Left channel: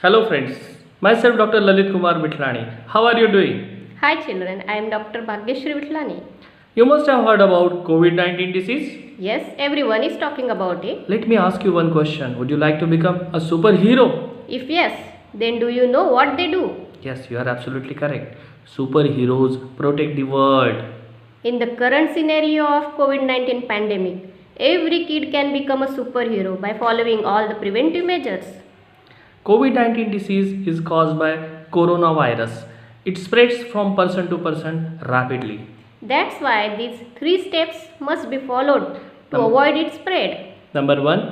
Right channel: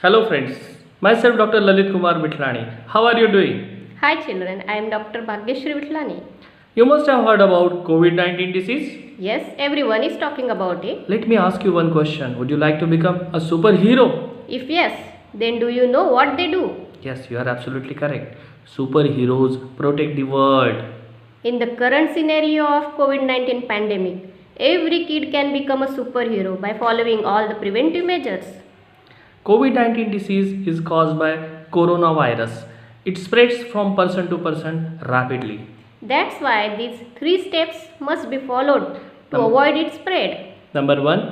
Hello friends, myself Dr. Lalit Kumar Vithlani. How are you doing? Hi children, I am Dr. Bhagyashri Vithlani. You must have heard about COVID-19 disease. Yes, everyone is talking about it. Let me ask you one question. Would you like to become a superhero? If yes, then do you know what they do? Yes, you are absolutely correct. Superheroes protect the world. In the current scenario of COVID-19 pandemic, every kid can become a superhero by following all the preventive measures. COVID-19 disease is caused by coronavirus. It spreads from person to person rapidly. That's why these 3 steps must be followed to Num- avoid its spread. Number 1.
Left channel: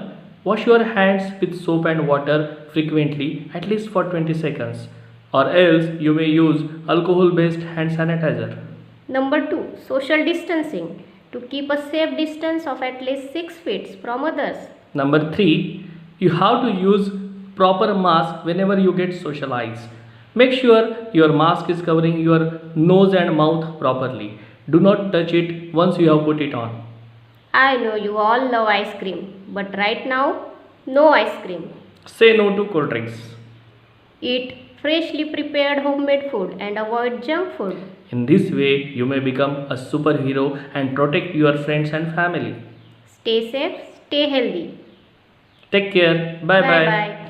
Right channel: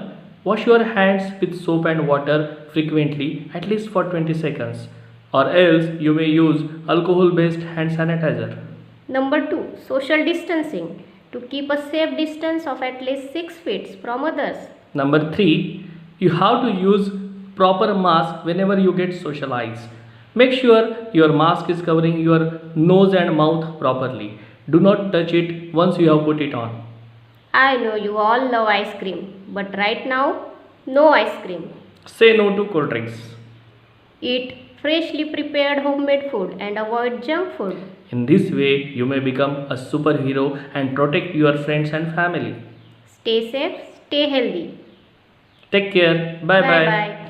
Wash your hands with soap and water frequently, at least for 20 seconds, or else you may use alcohol based hand sanitizer. Number 2, social distancing to keep a safe distance of at least 6 feet from others. Number 3. You have to use proper mask whenever you get socialized. Make sure your mask is covering your nose and mouth properly. Do not touch it once you have put it on. I know you all love ice cream, but right now, no ice cream. Say no to cold drinks. Eat freshly prepared homemade food and avoid junk food. In this way, you may become a superhero and protect your friends and family. Stay safe, stay healthy. Take care. Bye bye.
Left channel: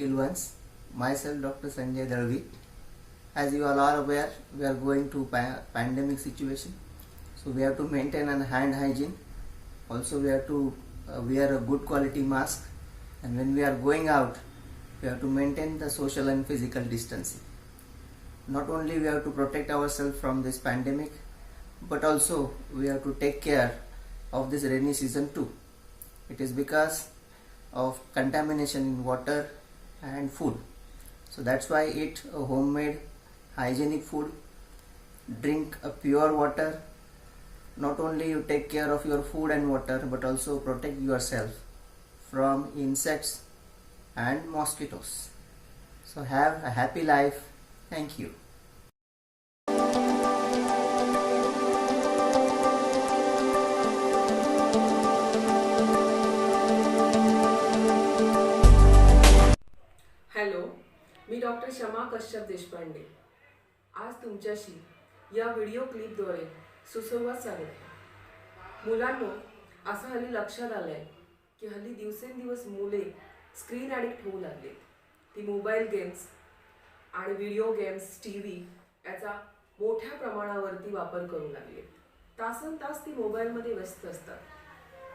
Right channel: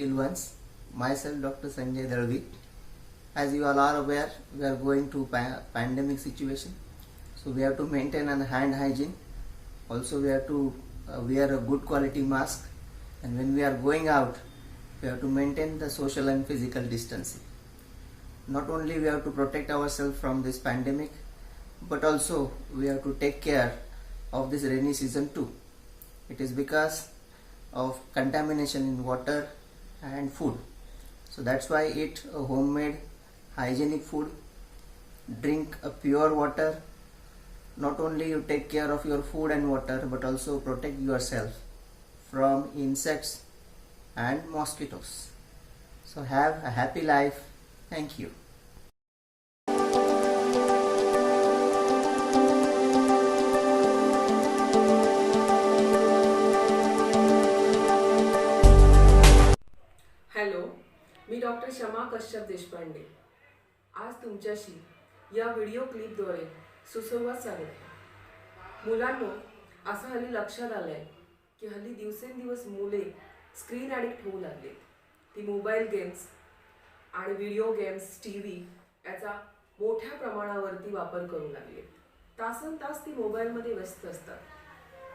Till once, myself Dr. Sanjay Dalvi. As you all are aware, we are going to pandemic situation, so we have to maintain an hand hygiene. Also, we have to wear a good quality mask, and when we are going out, we have to maintain the social and physical distancing. Not only we have to protect ourselves from this pandemic, but also we have to take care of this rainy season too. It is because of contamination in water and food. So that's why eat a homemade hygienic food, drink a pure water. Not only you take care of your food and water, but also protect yourself from insects and mosquitoes. So have a happy life. Thank you. Hello, मी doctor Shama Kashyap Deshpande. आज तुमच्याशी या video क्लिपद्वारे सुसंवाद साधत मुलांनो, असं हल्ली लक्षात आलं आहे की हल्ली दिवसेंदिवस मुले स्क्रीन ॲडिक्ट होऊ लागलेत. ती मोबाईल गेम्स आणि व्हिडिओ गेम्स, टी व्ही याचा मोठ्या प्रमाणावरती वापर करू लागले. तासनतास ती मोबाईलमध्ये व्यस्त असतात.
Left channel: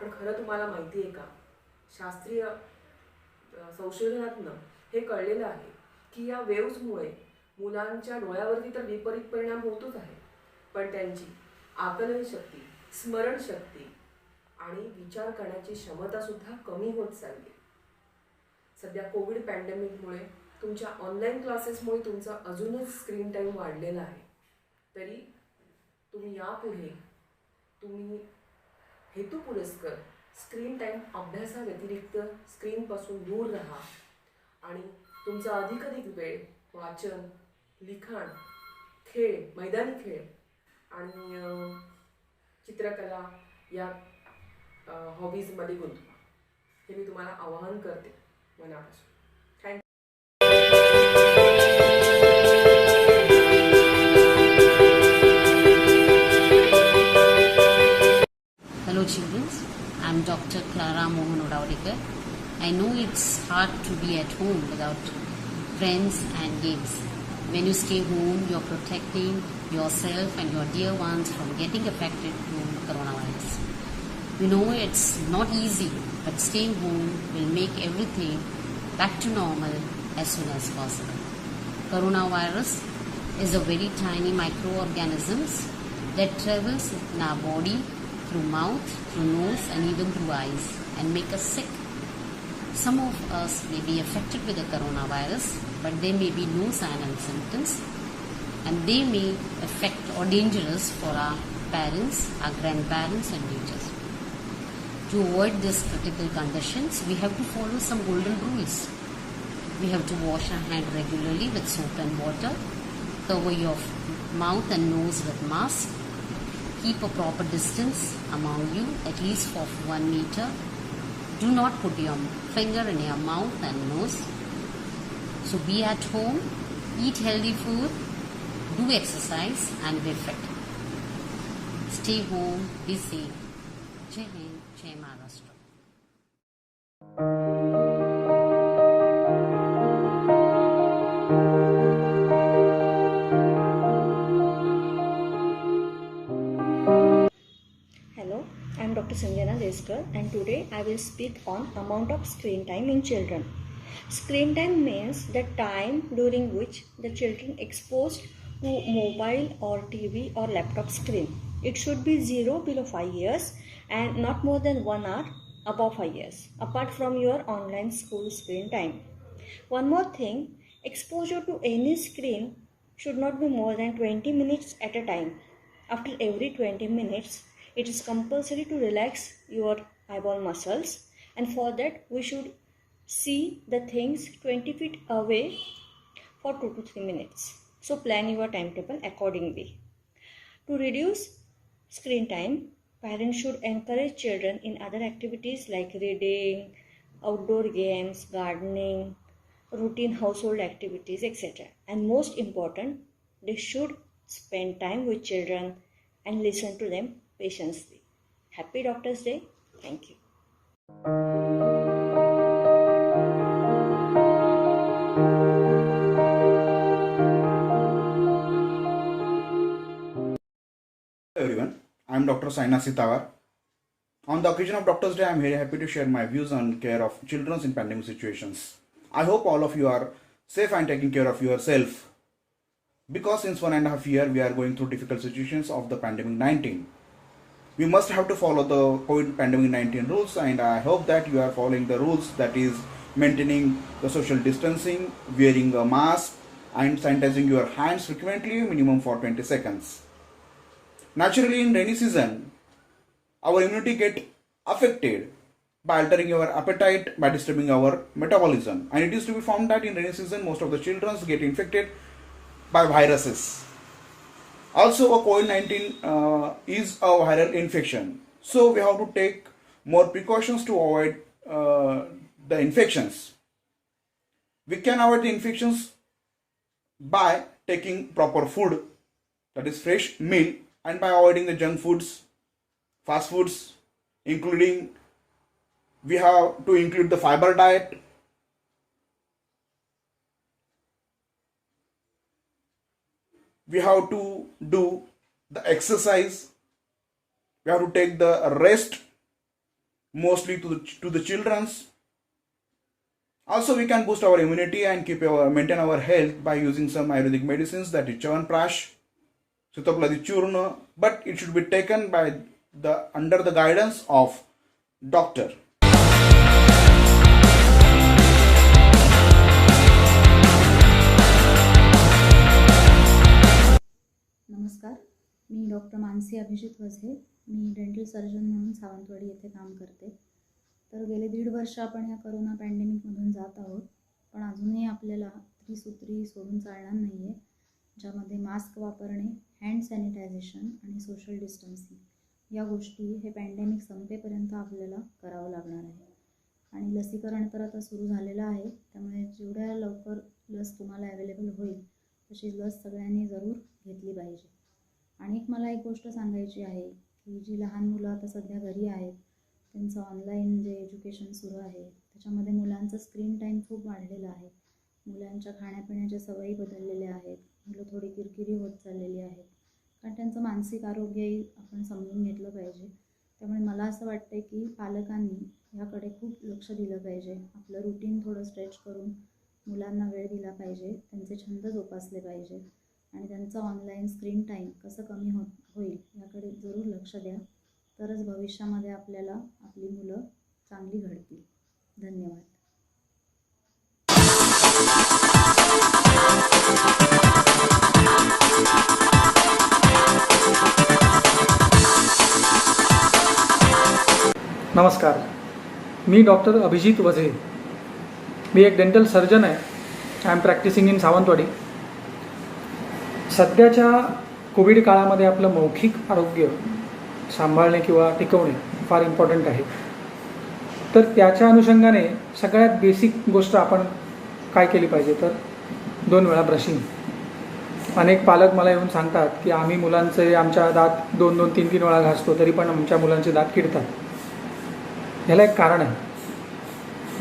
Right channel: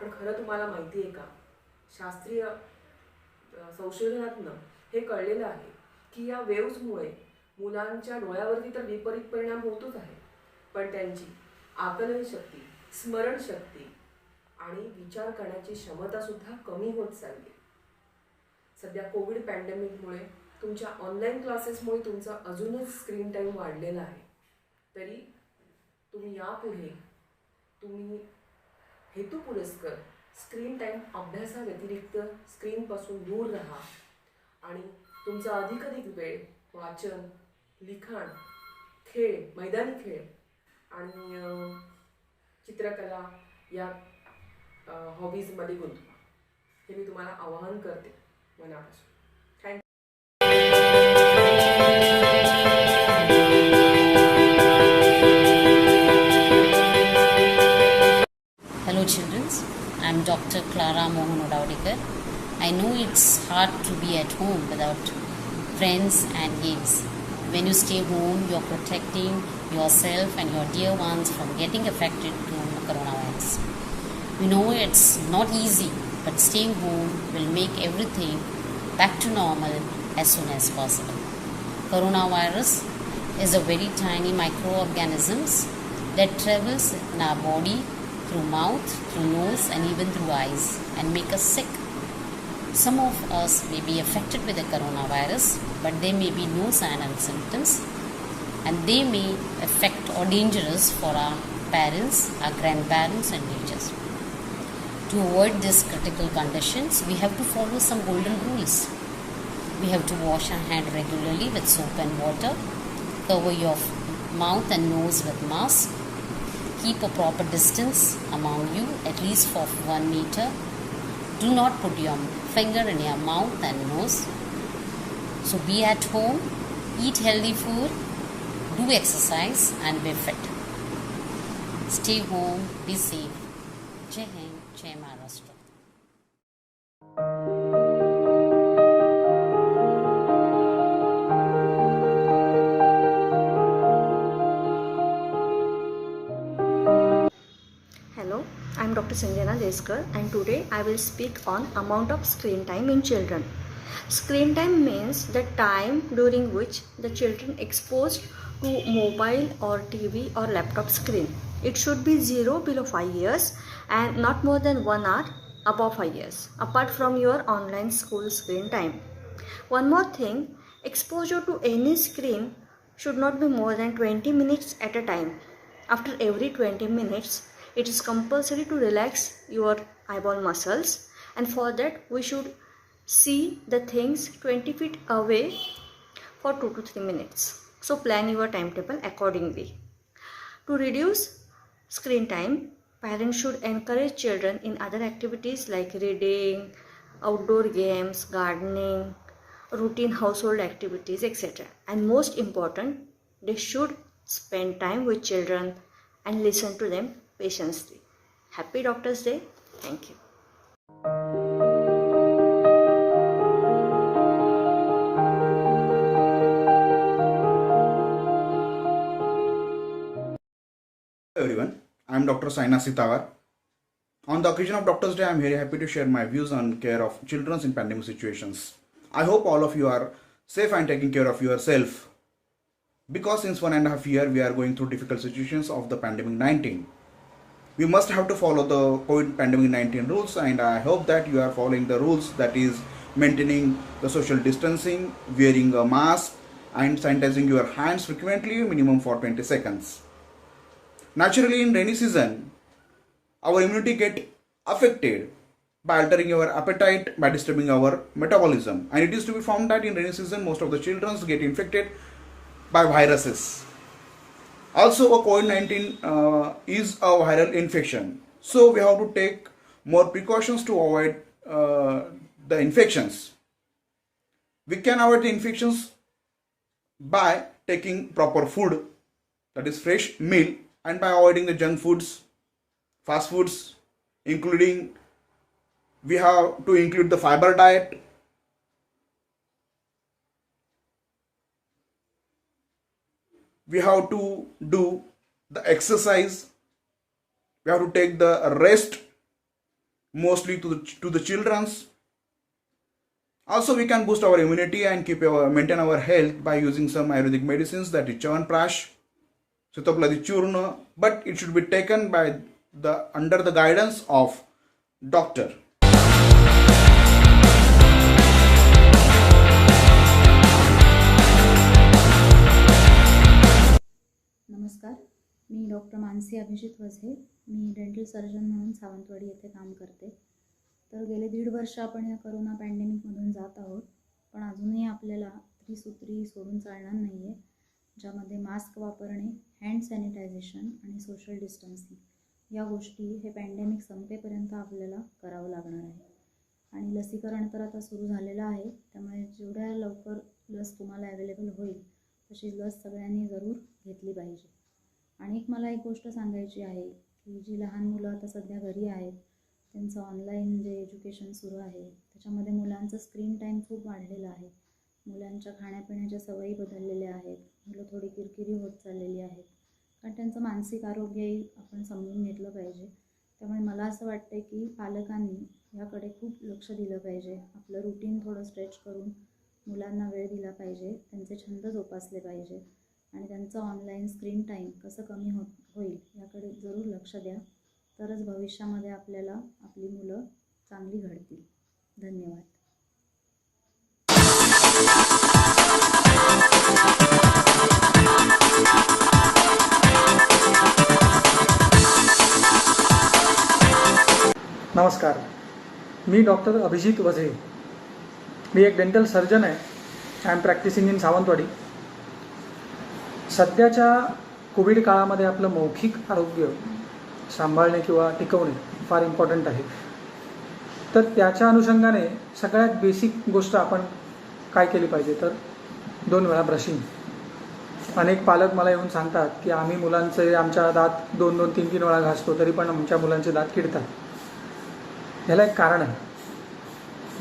पण खरं तुम्हाला माहिती आहे का, शास्त्रीय संशोधनातनं हे कळलेलं आहे की या वेव्समुळे मुलांच्या डोळ्यावरती तर विपरीत परिणाम होतोच आहे, पण त्यांची आकलन शक्ती, स्मरणशक्ती आणि विचार करण्याची क्षमता सुद्धा कमी होत चालली. सध्या कोविड पॅन्डेमिकमुळे तुमच्या ऑनलाईन क्लासेसमुळे तुमचा अजूनच स्क्रीन टाईम वाढलेला आहे. तरी तुम्ही यापुढे तुम्ही हेतुपुरस्कर स्क्रीन टाईम अभ्यासाव्यतिरिक्त स्क्रीनपासून दूर राहा आणि तुमचा अधिकाधिक वेळ वाचन, लिखाण, खेळ, मैदानी खेळ आणि चित्रकला या हॉबीजमध्ये गुंतवा. हे मी तुम्हाला आवाहन करते मनापासून. Hello children, I'm Dr. Clara Mohan Odavadekar. I know it's hard to be at home without friends and games. When you stay home, you're protecting yourself and your dear ones from getting affected to coronavirus. We know it's not easy, but staying home will make everything back to normal as soon as possible. Coronavirus is a very tiny microorganisms that travels in our body through mouth, through nose and even through eyes and make us sick. Some of us may be affected with the coronavirus, but there may be no sign and symptoms, and they may affect or dangerous for our parents, our grandparents and teachers. To avoid these critical conditions, we have to follow some golden rules. We have to wash our hand regularly with soap and water, cover your mouth and nose with mask. Keep a proper distance among you, at least for 1 meter. Do not put your finger in your mouth and nose. So be at home, eat healthy food, do exercise and be fit. Stay home, be safe. Jai Hind, Jai Maharashtra. Hello, I am Dr. Sanjana Deskar and today I will speak on amount of screen time in children. Screen time means the time during which the children exposed to mobile or TV or laptop screen. It should be 0 below 5 years and not more than 1 hour above 5 years, apart from your online school screen time. One more thing, exposure to any screen should not be more than 20 minutes at a time. After every 20 minutes, it is compulsory to relax your eyeball muscles, and for that we should see the things 20 feet away for 2 to 3 minutes. So plan your timetable accordingly. To reduce screen time, parents should encourage children in other activities like reading, outdoor games, gardening, routine household activities, etc. And most important, they should spend time with children and listen to them patiently. Happy Doctor's Day. Thank you. Hello everyone, I am Dr. Saina Sitawar. On the occasion of Doctor's Day, I am very happy to share my views on care of children in pandemic situations. I hope all of you are safe and taking care of yourself, because since 1.5 years we are going through difficult situations of the pandemic 19. We must have to follow the COVID pandemic 19 rules, and I hope that you are following the rules, that is maintaining the social distancing, wearing a mask and sanitizing your hands frequently, minimum for 20 seconds. Naturally, in rainy season, our immunity get affected by altering our appetite, by disturbing our metabolism. And it is to be found that in rainy season, most of the children get infected by viruses. Also, a COVID-19 is a viral infection. So we have to take more precautions to avoid the infections. We can avoid the infections by taking proper food, that is fresh meal, and by avoiding the junk foods, fast foods, including we have to include the fiber diet. We have to do the exercise. We have to take the rest, mostly to the children's. Also, we can boost our immunity and maintain our health by using some Ayurvedic medicines, that is Chyawanprash, Sitapladi Churna, but it should be taken by under the guidance of doctor. नमस्कार, मी doctor Mansi Abhijit Vaze. मी dental surgeon म्हणून सावंतवाडी येथे काम करते. तर गेले 1.5 वर्ष आपण या कोरोना पॅन्डेमिकमधून जात आहोत, पण अजूनही आपल्याला त्रिसूत्री सोडून चालणार नाही आहे, ज्यामध्ये मास्क वापरणे, हँड सॅनिटायझेशन आणि सोशल डिस्टन्सिंग या गोष्टी हे पॅन्डेमिक संपेपर्यंत आपल्याला करावं लागणार आहे. आणि लसीकरण तर आता सुरू झालेलं आहे, त्यामुळे जेवढ्या लवकर लस तुम्हाला अवेलेबल होईल तशी लस सगळ्यांनी जरूर घेतली पाहिजे. आणि मला एक गोष्ट सांगायची आहे की जी लहान मुलं आता सध्या घरी आहेत, त्यांचं ऑनलाईन जे एज्युकेशन सुरू आहे त्याच्यामध्ये मुलांचं स्क्रीन टाईम खूप वाढलेला आहे. मुलांच्या खाण्यापिण्याच्या सवयी बदललेल्या आहेत, मुलं थोडी किरकिरी होत चाललेली आहेत, कारण त्यांचं मानसिक आरोग्यही आपण समजून घेतलं पाहिजे. त्यामुळे मला असं वाटतं की पालकांनी याकडे खूप लक्ष दिलं पाहिजे. आपलं रुटीन थोडं स्ट्रेच करून मुलांना वेळ दिला पाहिजे, त्यांचे छंद जोपासले पाहिजे आणि त्यांचं ऑनलाईन स्क्रीन टाईम कसं कमी होईल याकडे जरूर लक्ष द्या. तरच भविष्यामध्ये आपल्याला आपली मुलं चांगली घडतील. धन्यवाद. नमस्कार, मी डॉक्टर अभिजित वझे. मी एक डेंटल सर्जन आहे. आय एम प्रॅक्टिसिंग इन सावंतवाडी. सध्याच्या कोविड काळामध्ये आपलं मौखिक आरोग्य सांभाळणे किंवा टिकवणे फार इम्पॉर्टंट आहे. तर त्याच्या अनुषंगाने सगळ्यात बेसिक गोष्ट आपण काय केली पाहिजे तर 2 वेळा ब्रशिंग. अनेक पालक मला येऊन सांगतात की आम्ही मुलांचे आमच्या दात 2-2, 3-3 वेळा घासतो तरी पण आमच्या मुलांचे दात किडतात. ह्याला एक कारण आहे.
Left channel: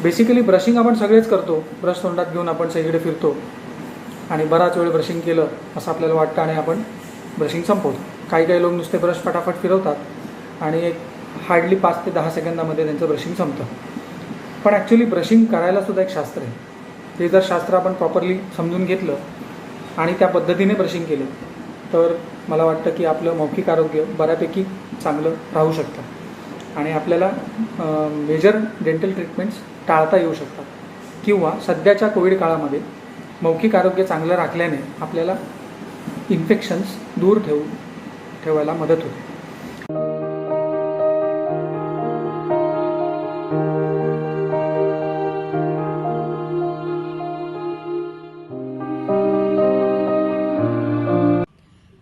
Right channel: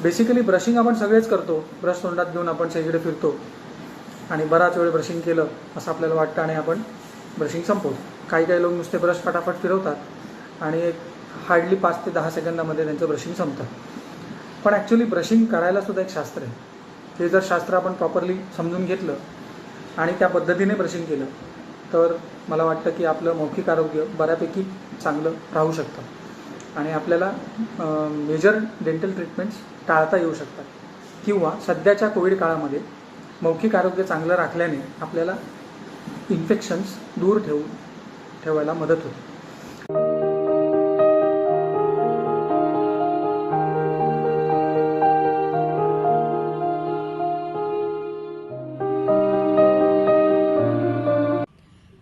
बेसिकली ब्रशिंग आपण सगळेच करतो. ब्रश तोंडात घेऊन आपण सगळीकडे फिरतो आणि बराच वेळ ब्रशिंग केलं असं आपल्याला वाटतं आणि आपण ब्रशिंग संपवतो. काही लोक नुसते ब्रश फटाफट फिरवतात आणि एक हार्डली 5 ते 10 सेकंदामध्ये त्यांचं ब्रशिंग संपतं. पण ॲक्च्युली ब्रशिंग करायला सुद्धा एक शास्त्र आहे. हे जर शास्त्र आपण प्रॉपरली समजून घेतलं आणि त्या पद्धतीने ब्रशिंग केलं तर मला वाटतं की आपलं मौखिक आरोग्य बऱ्यापैकी चांगलं राहू शकतं आणि आपल्याला मेजर डेंटल ट्रीटमेंट्स टाळता येऊ शकतात किंवा सध्याच्या कोविड काळामध्ये मौखिक आरोग्य चांगलं राखल्याने आपल्याला इन्फेक्शन्स दूर ठेवायला मदत होते.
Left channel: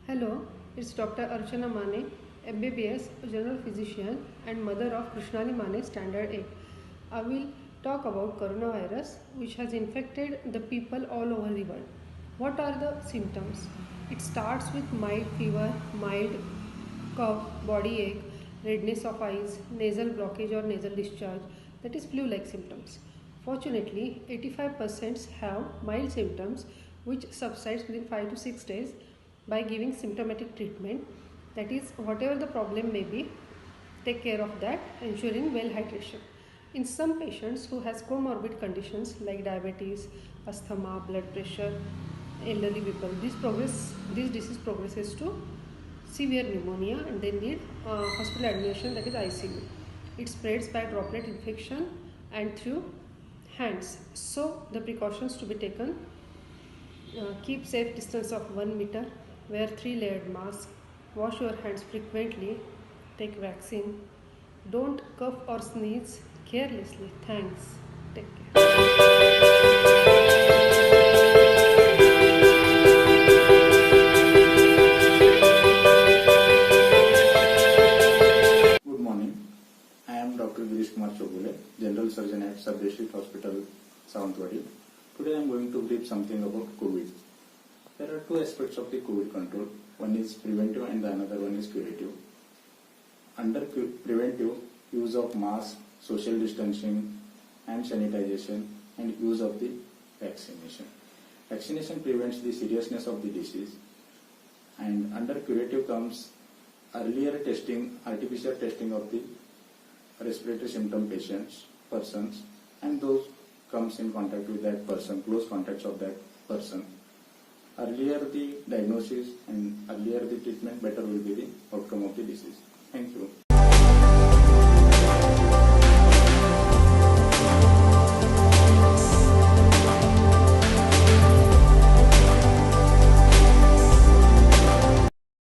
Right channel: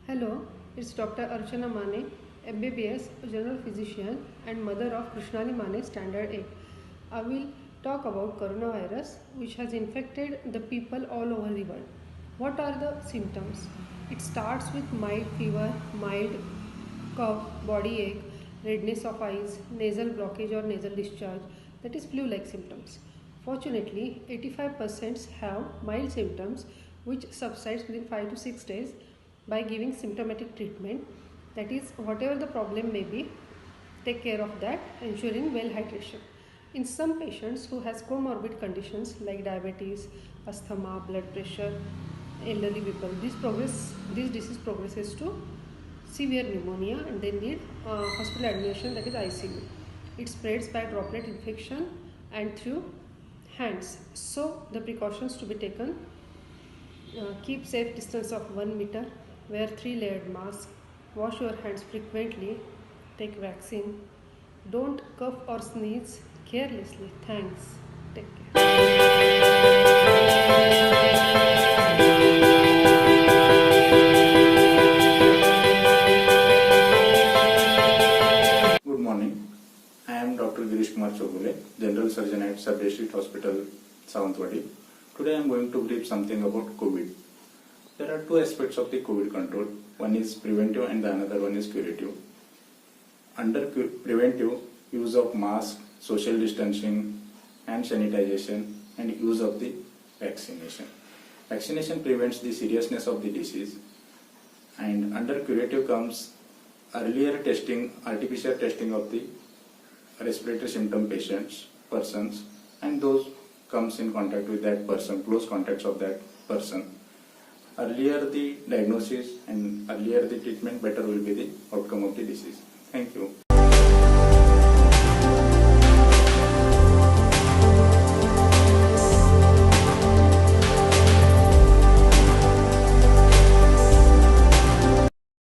Hello, it's Dr. Archana Mane, MBBS, General Physician and mother of Krishnali Mane, Standard 8. I will talk about coronavirus which has infected the people all over the world. What are the symptoms? It starts with mild fever, mild cough, body ache, redness of eyes, nasal blockage or nasal discharge, that is flu-like symptoms. Fortunately, 85% have mild symptoms which subsides within 5 to 6 days by giving symptomatic treatment. That is, whatever the problem may be, take care of that, ensuring well hydration. In some patients who has comorbid conditions like diabetes, asthma, blood pressure, elderly people, this disease progresses to severe pneumonia and they need hospital admission, that is ICU. It spreads by droplet infection and through hands. So the precautions to be taken: keep safe distance of 1 meter, wear 3-layered mask, wash your hands frequently, take vaccine, don't cough or sneeze carelessly. Thanks. Take care. Good morning. I am Dr. Girish Kumar Chogule, General Surgeon at Sub District Hospital, Sawantwadi. Today I am going to brief something about COVID. There are 2 aspects of the COVID control. One is preventive and the another one is curative. Under preventive, use of mask, social distancing, hand sanitization and use of the vaccination. Vaccination prevents the seriousness of the disease. And under curative comes earlier testing, artificial testing of the respiratory symptom persons, and those comes in contact with that person, close contacts of that person. Earlier the diagnosis and earlier the treatment, better will be the outcome of the disease. Thank you.